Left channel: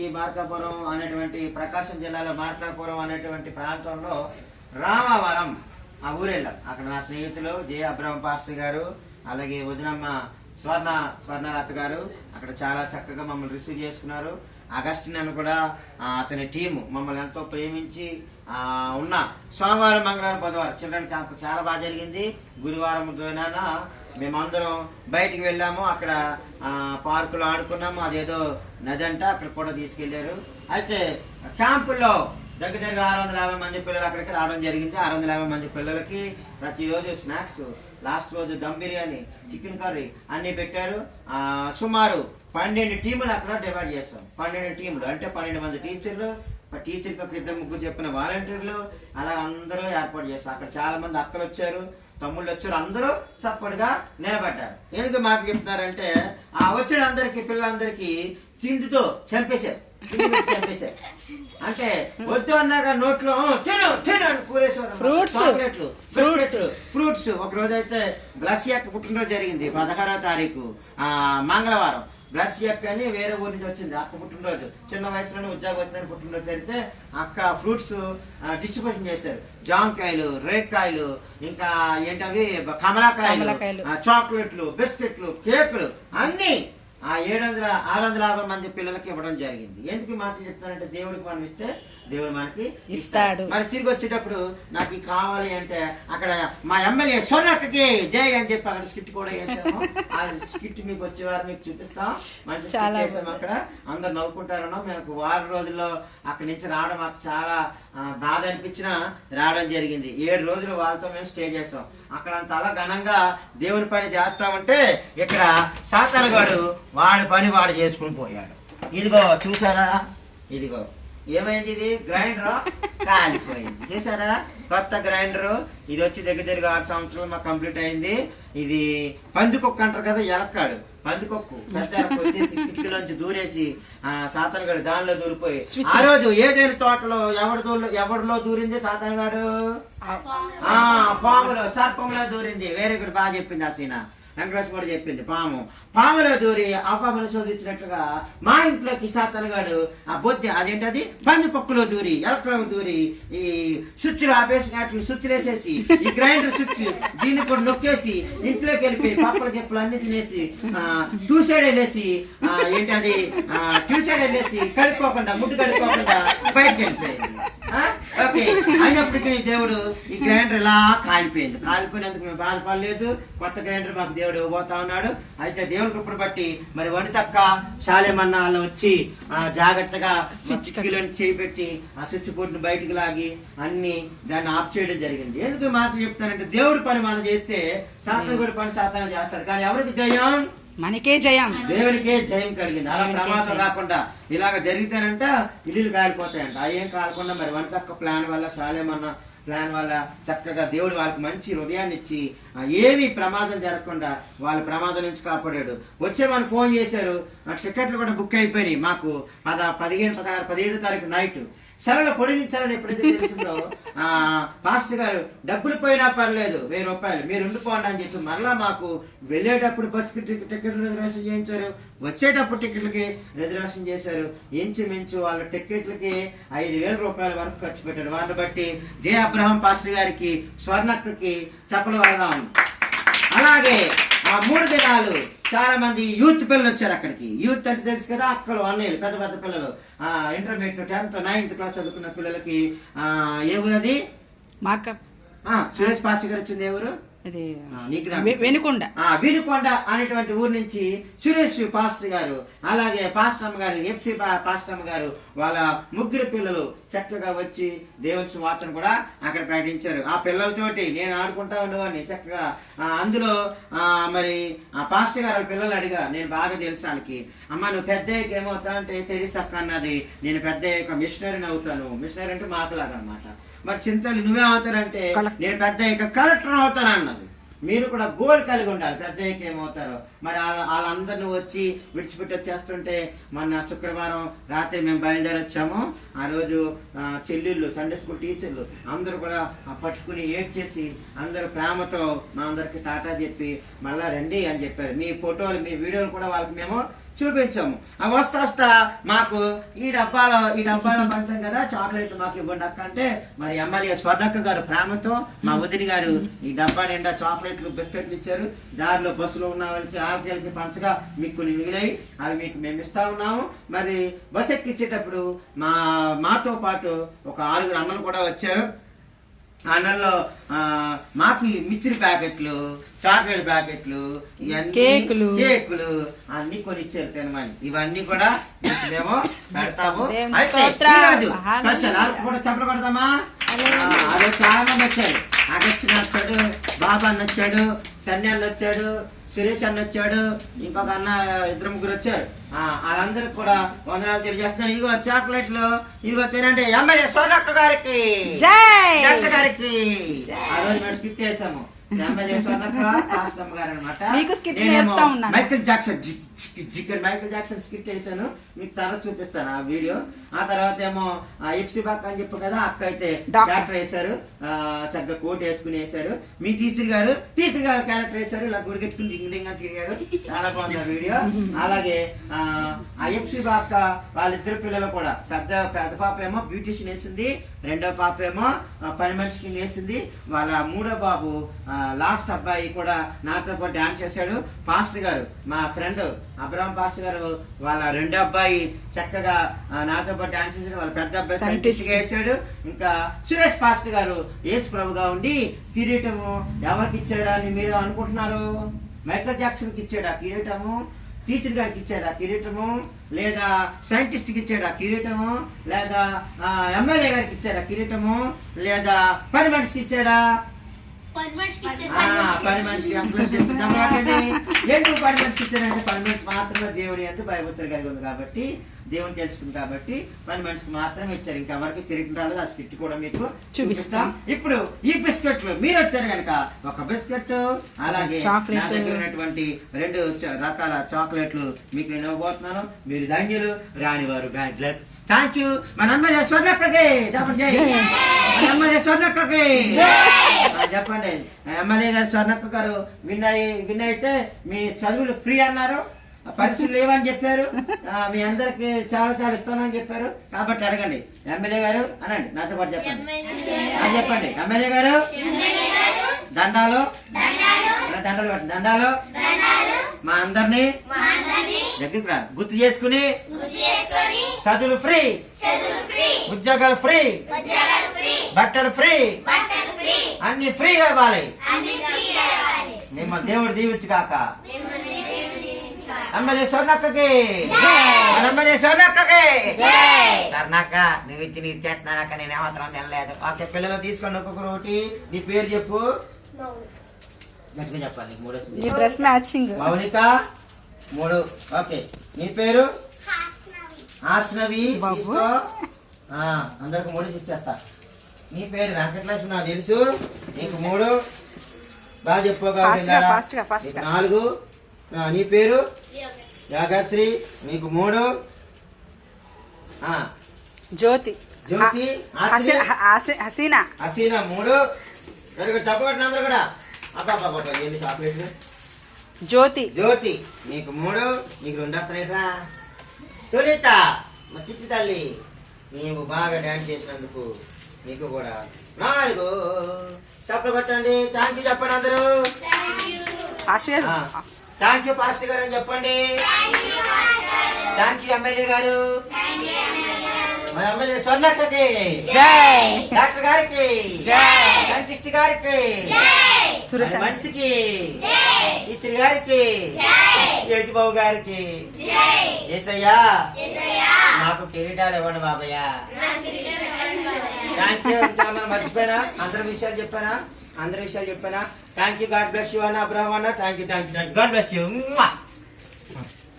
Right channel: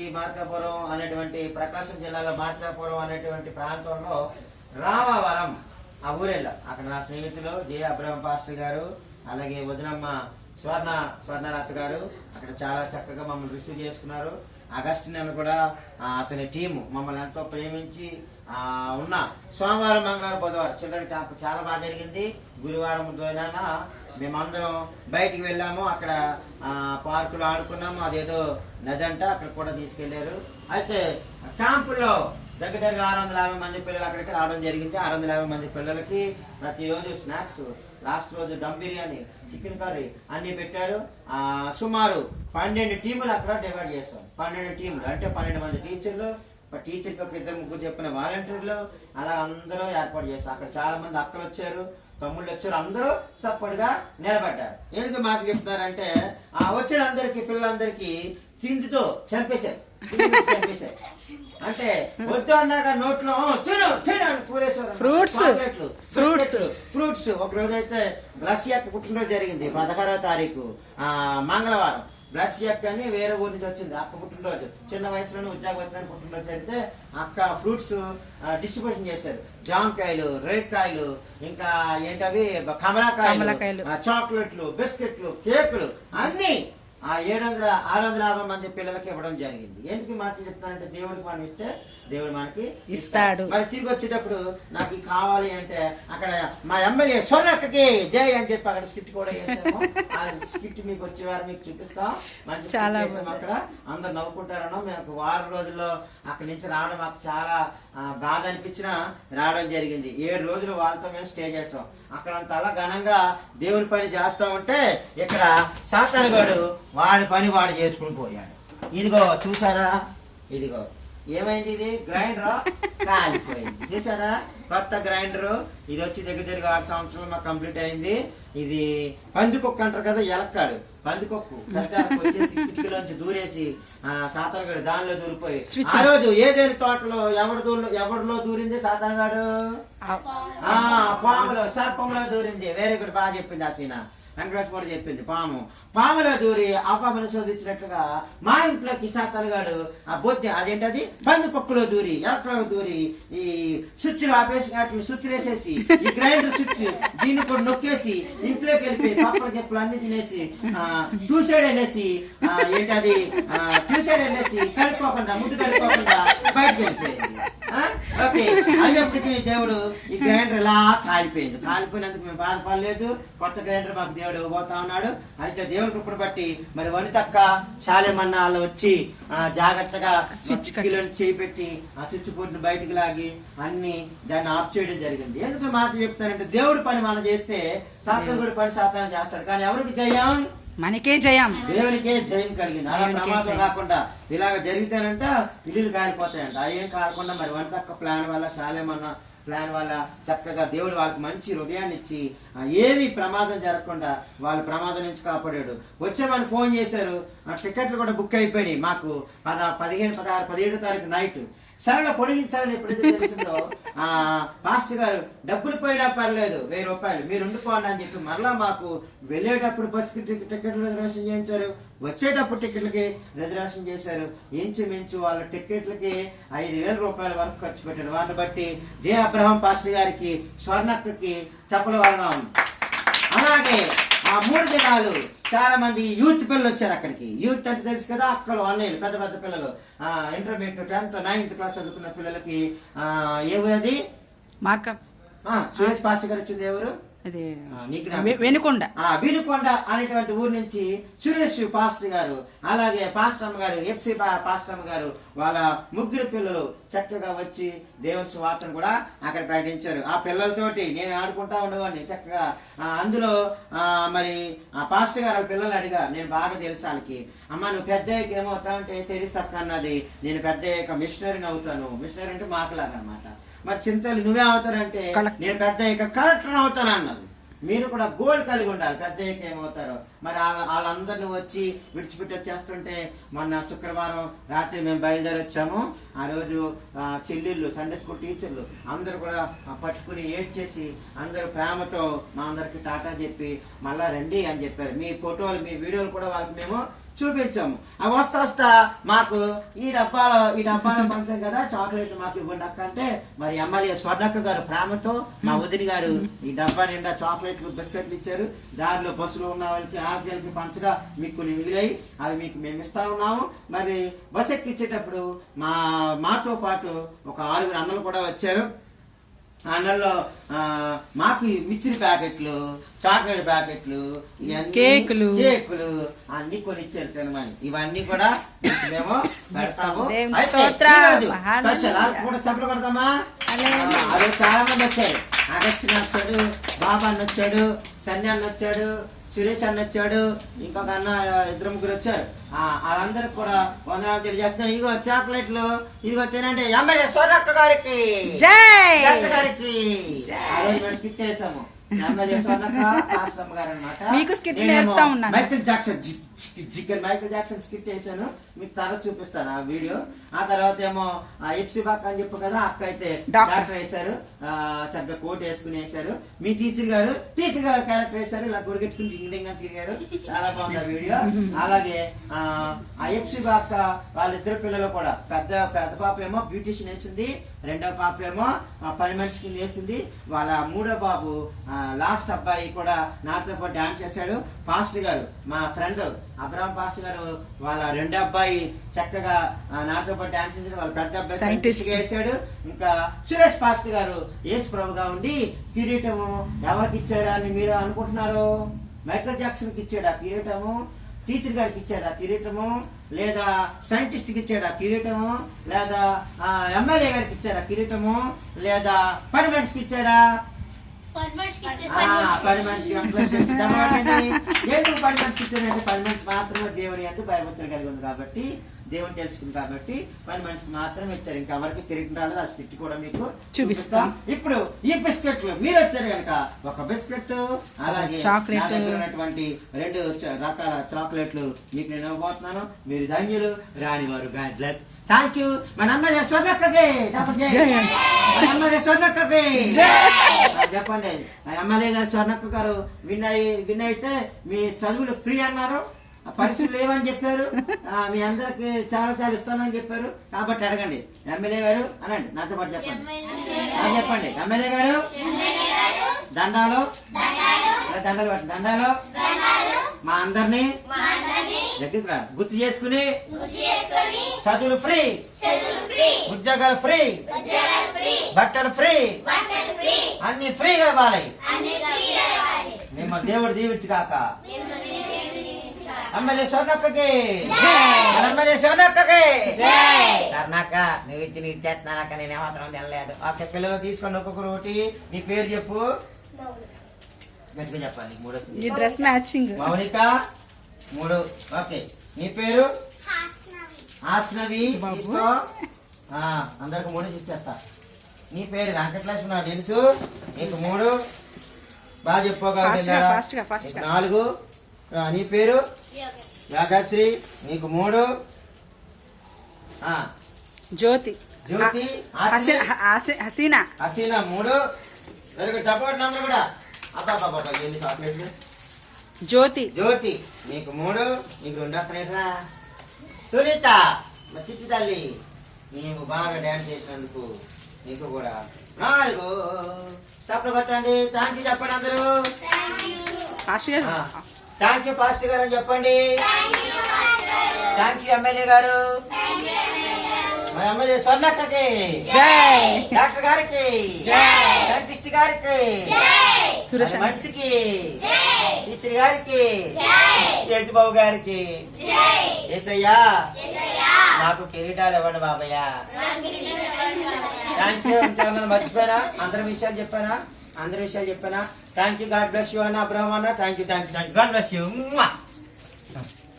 ఈ మార్కాపురం అనేటువంటి ప్రకాశం జిల్లాలో మార్కాపురం అనేటువంటి ప్రాంతంలో రామవరం ఆ ఊరెళ్ళాం. అక్కడ నా స్నేహితులు జే అబ్రహం పాస్టర్ గారు, అలాగే వదినమ్మ స్వర్ణలత గారు అక్కడ చాలా చక్కగా మమ్మల్ని రిసీవ్ చేసుకున్నారు. అగస్టిన్ అని కూడా అతని టీము మమ్మల్ని ఎంతో ప్రేమించి ఉన్న సోమవారం, మంగళవారం, బుధవారం చిల్డ్రన్ క్యాంప్ చాలా బాగా జరిగింది. గురువారం దోనాన మేమందరం బయటికి వెళ్ళాము. అక్కడ పార్కులో ఆడుకున్నాము. అదేదో నది అంట, అక్కడ కూడా తీసుకెళ్లారు. అయితే క్యాంపులో దగ్గర 650 మంది పిల్లలు అక్కడికి రావడం జరిగింది. 650 మంది పిల్లలకి ప్రతిరోజు స్నాక్స్, లాస్ట్ రోజు దమ్ బిర్యానీ, చికెన్ కర్రీ అన్ని పెట్టారు. సుమారు 12 టీములు అక్కడ డివైడ్ చేస్తాం. 12 టీములు అంటే 12 మంది టీచర్లు, టీచర్కి ఒక 2-3 చెప్పిన వాలంటీర్లు, అలా అందరూ ఏర్పాటు చేస్తాం. అక్కడ చాలా మంది అక్కలు వచ్చారు, తమ్ముళ్ళు వచ్చారు, అందరూ సపోర్ట్ గా నిలబడ్డారు. ఎందుకు మాకు చెప్తున్నారంటే వచ్చిన అందరికి పిల్లలందరికీ తిండితో చంపేశారు. అంటే వద్దు అన్నాక నోట్లో తిను తిను అని కూరేసేవారు. ఫ్రూట్స్ ఒక రోజు అయితే బ్లస్ యొక్క పుట్టినరోజు జరిగింది 16వ తారీఖు మంగళవారం. బ్లస్ యొక్క అని వేరే ఊరి నుంచి వచ్చింది. అక్క పుట్టినరోజు, చిన్న వయసులోనే ఉద్యోగం వచ్చిన పుట్టినరోజు జరిగితే అక్క ఫ్రూట్స్ డిస్ట్రిబ్యూషన్ చేశారు. జామకాయలు, రేకాయలు, ఇంకా ఏంటవి కమలాకాయలు, చాక్లెట్లు, బిస్కెట్లు, కేకులు అన్ని 650 మంది పిల్లలకి ఇవ్వడం జరిగింది. ఎందుకు మాటలు చెప్తానంటే దేవుడికి మనం ఇస్తే దేవుడు మనకి ఇస్తాడు. మరి తిరిగి వచ్చేటప్పుడు నాకు కావాలి అంటే అక్కడ మా ఎమ్మెల్యే సోనక్కకి జై అని చెప్పి అక్కడ స్కిట్ కూడా వేసాము. ఆ స్కిట్ మీకు వచ్చేవారు మీకు చూపిస్తాం. మంచి స్కిట్ వేసాము. అక్కడ అందరు నవ్వుకుంటారనో. మేము వారం రోజుల్లో అక్కడి నుంచి రావడం మాకు చాలా బాధ అనిపించిన రావడం జరిగింది. 7 రోజులు వాళ్ళతో మేము స్టే చేస్తాం. అక్కడ అంతలా ఘనంగా దేవుని పని చేస్తామంటే ఇక్కడ సాతానుగాడు వాడి పని వాడు చేసుకుని పోయాడు. ఇదిగో చూసారా, ఇదిగో ఏమైంది, ఇది గ్రైండర్ కాలిపోయింది. చూసారా, కొత్త గ్రైండర్. ఇది వచ్చి దగ్గర 6 సంవత్సరాలు మాకు కంప్లీట్ అయింది. ఇది పందికొక్కు అంటారు కదా, ఎలక్కాడు పందికొక్కు పెద్ద వచ్చేసి కిటికీలోంచి దూరేసి సాతానుగాడు దానిలో దూరిపోయి ఆ రోజు ఏదైనా తోటలో ఎవరిలో దూరింది సాతానుగాడు, పాములో సర్పంలో దూరింది. వేరే కూడా బాగా చెప్పింది ఆ సీన. వెంకటేష్ కూడా చెప్పింది పాములో దూరి ఆ పామును శోధించినట్లుగా మా ఇంట్లోకి సాతానుగాడు ఆ బొద్ది అదేంటది పందికొక్కులో దూరి ఎలక్ట్రిక్ దూరి ఈ స్విచ్లు ఆపేసి స్విచ్ వేసేసి ఈ గ్రైండర్ స్విచ్ దీన్ని కూడా నొక్కేసి ఇంట్లోకి వెళ్ళిపోయి పప్పల చెప్పులు అన్ని తినేసి ట్యూసైడ్ వెళ్ళేసి ఏంటది ట్యూసైడ్ వెళ్ళేసి కడుక్కోకుండా ముడ్డు కడుక్కోకుండా బయటకు వెళ్ళిపోయింది. ఓకే అయినప్పటికీ దేవుడు ఈ గ్రైండర్ ఇలా కాలిపోయినందుకు మేము బాధపడలేదు. కొత్త గ్రైండర్ మాకు దేవుడు పోతా ఉన్నాడు. అయితే దేవుని కృపను బట్టి మరి వనితక్క శాలేమన్న వాళ్ళు వచ్చి జాగ్రత్తగా స్విచ్లో చేయి పెట్టి ఆ స్విచ్ బోర్డుని బయటకు లాగి అన్ని దాన్ని ఆఫ్ చేయడం జరిగింది. ఎందుకు మాకు చెప్తానంటే దేవుడి పని మనం చేస్తే సాతానుడి పని సాతాను చేస్తాడు. కానీ ఎవరికి జయం? మనకే జయం, దేవునికే జయం కలిగింది. అలా ప్రమాదం రాకుండా ఇలాగ జరిగితేనంట ఇల్లు కాలిపోతాయంట. ఏం కాలకుండా మరి వనితక్క ప్లాన్ వల్ల శాలేమన్న ప్లాన్ వల్ల చక్కగా దేవుడు వాళ్ళకి మంచి హృదయాన్ని ఇచ్చి ఏమీ ప్రమాదం జరగకుండా వాళ్ళ ప్రమాదం నుంచి కాపాడాడు. వచ్చే వాళ్ళు ఫోన్ చేశారు, టికెట్లు కూడా బుక్ అయిపోయినాయి. మాకు 15, 16, 17 తారీఖు నైట్ సరళ పొడిగించాలని ఎప్పుడైతే తెలిసిందో పాస్టర్ గారు డబ్బులు పోయినా పర్లేదు 1000 రూపాయలు మీరు ఉండిపోండి అని చెప్పి మరలా మాకు వెళ్ళేటప్పుడు బస్సుకి టికెట్లు రిజర్వేషన్ చేయించారు, వచ్చేటప్పుడు టికెట్లకి రిజర్వేషన్ చేశారు. ఇంచుమించు వాళ్ళ టికెట్లకి 5000 రూపాయల వరకు ఖర్చు పెట్టారు. వాళ్ళని బట్టి జే అబ్రహం పాస్టర్ గారికి, స్వర్ణక్కకి చెప్పలు వెళ్దాం. అలాగే ఆ 3 దినాలు చాలా మంది యూత్ పిల్లలు వచ్చారు అక్కడికి. యూత్ అంటే తెలుసు కదా, అక్కలు అన్నయ్యలు పెద్ద పెద్ద పిల్లలు ఇంటర్మీడియట్ 10th 9th క్లాస్ చదువుకున్న పిల్లలకి ఏ ఊరది సురేష్ పాస్టర్ గారు వచ్చింది. ఎవరు వెనుకొండ అనేటువంటి ఊరు నుంచి సురేష్ పాస్టర్ గారు, అలాగే పాస్టర్ అమ్మ గారు, ఎఫ్సి పాస్టర్ అమ్మ గారు వాళ్ళ 3 పిల్లలు చక్కగా వచ్చి దేవుని సువార్తను కూడా అక్కడ ప్రకటించారు. ఆ పిల్లలతోటి నేను ఆడుకుంటా ఉండేవాడిని చక్కగా. అందులో మరి ఆ పాస్టర్ గారు పిల్లలు అడిగా, నేను బాగా తెలుసు వాళ్ళకి, అమ్మ నువ్వు పెద్ద ఏమవుతావు అంటే తెలుసు అక్క అన్నది, నేను పెద్ద మిషనరీని అవుతాను. మిషనరీ అంటే మాకులాగా అనమాట. మరి చింతలు నువ్వే అవుతారంటే నేను పెద్ద కలెక్టర్ అవుతాను అన్నది. మీరు కూడా గోల్ కలిగి ఉండాలి. పెద్ద ఏమవుతారో మరి వాళ్ళందరినీ వచ్చి విడిచిపెట్టి వచ్చేస్తుంటే మొన్న శుక్రవారం రాత్రి మేము బయలుదేరి వచ్చాము. ఆ రోజు చెల్లెళ్ళు, సండే స్కూల్ టీచర్లు అందరూ కూడా పట్టుకుని ఏడ్చేసి అందరూ ప్రేమతో మా అందరికి టాటా చెప్పి మళ్ళా రండి అని చెప్పారు. మీ ఫోటోలు మీ వీడియోలు కూడా వాళ్ళకి మేము చూపించాము ఆ వస్తా మాకు ఈ డబ్బాలో పంచాం కదా చాక్లెట్లు మాకు ఇవ్వండి అక్క అంటే మరి ఎమ్మెల్యే స్వర్ణక్క గారు ప్రేమతో మా వదిలి గారు ఈ డబ్బా నిండా చాక్లెట్లు బిస్కెట్లు ఇచ్చారు. దారిలో బస్సులో ఉన్న వాళ్ళకి ఆరోగ్యాలకి పంచగా మీకు కొన్ని మిగిలాయి, అవి మీకు మేము ఇస్తా ఉన్నాము. మరి బస్ ఎక్కించేటప్పుడు మాతో పాటు ఒక 6 అన్నలు కూడా వచ్చారు. ఆ అన్నల్లో మాకు మిక్చర్ ప్యాకెట్లు, చాక్లెట్ ప్యాకెట్లు, కేకులు అన్ని కొనిచ్చారు తినమని. ఇవన్నీ కూడా మేము పెడతాము. అయితే ఈరోజు స్పెషల్ కూడా చెప్పలు కొడతామా? అదే చాలా మంది వచ్చారు. అగస్టిన్ వచ్చాడు, బాబా అన్న వచ్చాడు, సన్ని అన్న వచ్చాడు, సురేష్ అన్న వచ్చాడు, ఇంకొక అన్న 2-3 వచ్చారు. వాళ్ళందరికి కూడా వందనాలు తెలియజేస్తున్నాను. ఇదిగో చాక్లెట్లు, ఇదిగో తినండి. ఎమ్మెల్యే స్వర్ణక్క గారికి గారికి ఆ రోజు మేము స్కిట్ చేసాము. ఎమ్మెల్యే స్వర్ణక్క ఆశ్రమ గారు అనమాట. మైకేల్ జాక్సన్ స్కిట్ చేశాను, మీకు తర్వాత చూపిస్తాను ఆ వీడియో. ఆ తర్వాత ఏమో ఎఫ్సి బాక్ అని చెప్పు కదా, అక్క అయితే డాక్టర్ వేశారు, చక్కగా కోట్ వేసుకుని వేశారు. మీ టీచర్ గారు క్యారెక్టర్ వేశారు, ఇలా గుడిగెట్టుకుని డింగ్ తిరిగారు. చాలా బాగుంది ఆ వీడియో. అలాగే ఆ ఎఫ్సి బాక్ వాళ్ళిద్దరు పిల్లలు కూడా పెద్ద పాప ఏమో బ్యూటిషియన్ వేసింది, రెండో పాప ఏమో పని మనిషికి వేసింది. వాళ్ళ 3వ బాబు లాస్ట్ అబ్బాయి కూడా నాతో పాటు డాన్స్ చేశాడు. పాస్టర్ గారు మా ఫ్రెండ్ అబ్రహం పాస్టర్ గారు వాళ్ళ 2వ అబ్బాయి చక్కగా నాతో పాటు డాన్స్ చేశాడు. వాళ్ళ పెద్ద అబ్బాయి సైంటిస్ట్ వేశాడు. ఇంకా సురేష్ పాస్టర్ గారు యేసు ప్రభుగా ఉండి కిరీటము ఎవరికి ఇచ్చారు అని మీరు అనుకుంటున్నారు? మైకేల్ జాక్సన్ కి ఇచ్చాడు ఆ కిరీటము, టీచర్ గారికి ఇచ్చాడు ఆ కిరీటము, లేదా సైంటిస్ట్ కి ఇచ్చాడు ఆ కిరీటము, లేదా ఎమ్మెల్యే గారికి ఇచ్చాడు ఆ కిరీటము, లేదా పని మనిషికి ఇచ్చాడా? పని మనిషికి ఎందుకు పని మనిషికి ఇచ్చాడంటే పని మనిషి మాత్రమే దేవుని అందు భయభక్తులు కలిగి ఉంది కాబట్టి, దేవుని తెలుసుకుంది కాబట్టి పని మనిషికి మాత్రమే ఇచ్చారు. ఇంకా ఎవరికి కిరీటం రాలేదు. ఆ స్కిట్ కూడా మీకు చూపిస్తాం. ఇప్పుడు ఈ బిస్కెట్లు మీరు వచ్చారు కనుక ఒక బిస్కెట్, అలాగే నా దగ్గర ఉన్నటువంటి 2 రకాల చాక్లెట్లు మీకు నేను ఇవ్వబోతున్నాను. మీరు ధన్యులు, రానివారు బ్యాడ్ లక్. Thank you. మన ఎమ్మెల్యే స్వర్ణక్కకి చెప్పండి. మన ఎమ్మెల్యే స్వర్ణక్కకి చెప్పండి. ఎమ్మెల్యే గారు స్వర్ణక్క గారు విన్ అయితే మీ చదువులు ఫ్రీ అన్నారు, పరీక్షలు లేవని చెప్పారు, మీ అందరికి చాలా ఇస్తానని చెప్పారు. కాబట్టి అడగండి ఎమ్మెల్యే గారు అనండి, నాతో పాటు చెప్పండి. చెప్పండి ఎమ్మెల్యే గారు దండాలు పెట్టండి. దండాలు మా అందరినీ దగ్గరికి రా గుర్తు చేసుకుని చదువులు ఫ్రీ, ఉద్యోగాలు ఫ్రీ, బట్టలు ఫ్రీ, అన్ని ఫ్రీగా ఇవ్వాలి. మేము దేవుడు దీవించు కాక. ఎమ్మెల్యే స్వర్ణక్కకి, ఎమ్మెల్యే స్వర్ణక్కకి కర్ణాక నువ్వు ఇచ్చి నీకు చేస్తున్నాక నేను ఏమాత్రం తినలేదు. ఓకే పిల్లలు తీసుకోండి, ఒక్కొక్కరు ఒకటి. నీ పేరు చెప్పు, గట్టిగా చెప్పాలి. 3 వచ్చింది. Dress matching. మౌనిక 3. ఓకే నీ పేరు ఆశ్నవి. అందరికి 3 ఇచ్చేస్తా. నీ పేరు వెంకటలక్ష్మి నాకు తెలుసు, నీకు 3 బాగా చెప్పుకోగలరు. 4. నీ పేరు యాగశ్రీ, నీకు 3. జ్యోతి హసీనా 3. చెప్పగట్టిన అందరూ కూడా. అబ్బాబ్బా ఎన్ని చాక్లెట్లు. జ్యోతి నీకు 3. నీకు 2 వస్తున్నాయిరా. సునీత మా చిట్టి తల్లి, నీవు బాగా డాన్స్ చేసినందుకు నీకు కూడా 4. చప్పలు కొట్టండి. థ్యాంక్ యూ చెప్పండి అందరూ. థ్యాంక్ యూ పాస్టర్ గారు అని చెప్పండి. థ్యాంక్ యూ ఎమ్మెల్యే గారు. మన ఎమ్మెల్యే స్వర్ణక్కకి, డాక్టర్ గారికి, సైంటిస్ట్ గారికి, మనిషికి, టీచర్ గారికి, యేసుబాబు గారికి, యేసయ్యా నాకు కిరీటాలు ఇవ్వండి బాబయ్య. Thank you. ఇంకేమన్నా మర్చిపోయినా? అందరి విషయాలు చెప్పానా? Thank you. God bless you అన్న అబ్రహం అన్న. Thank you. God bless you.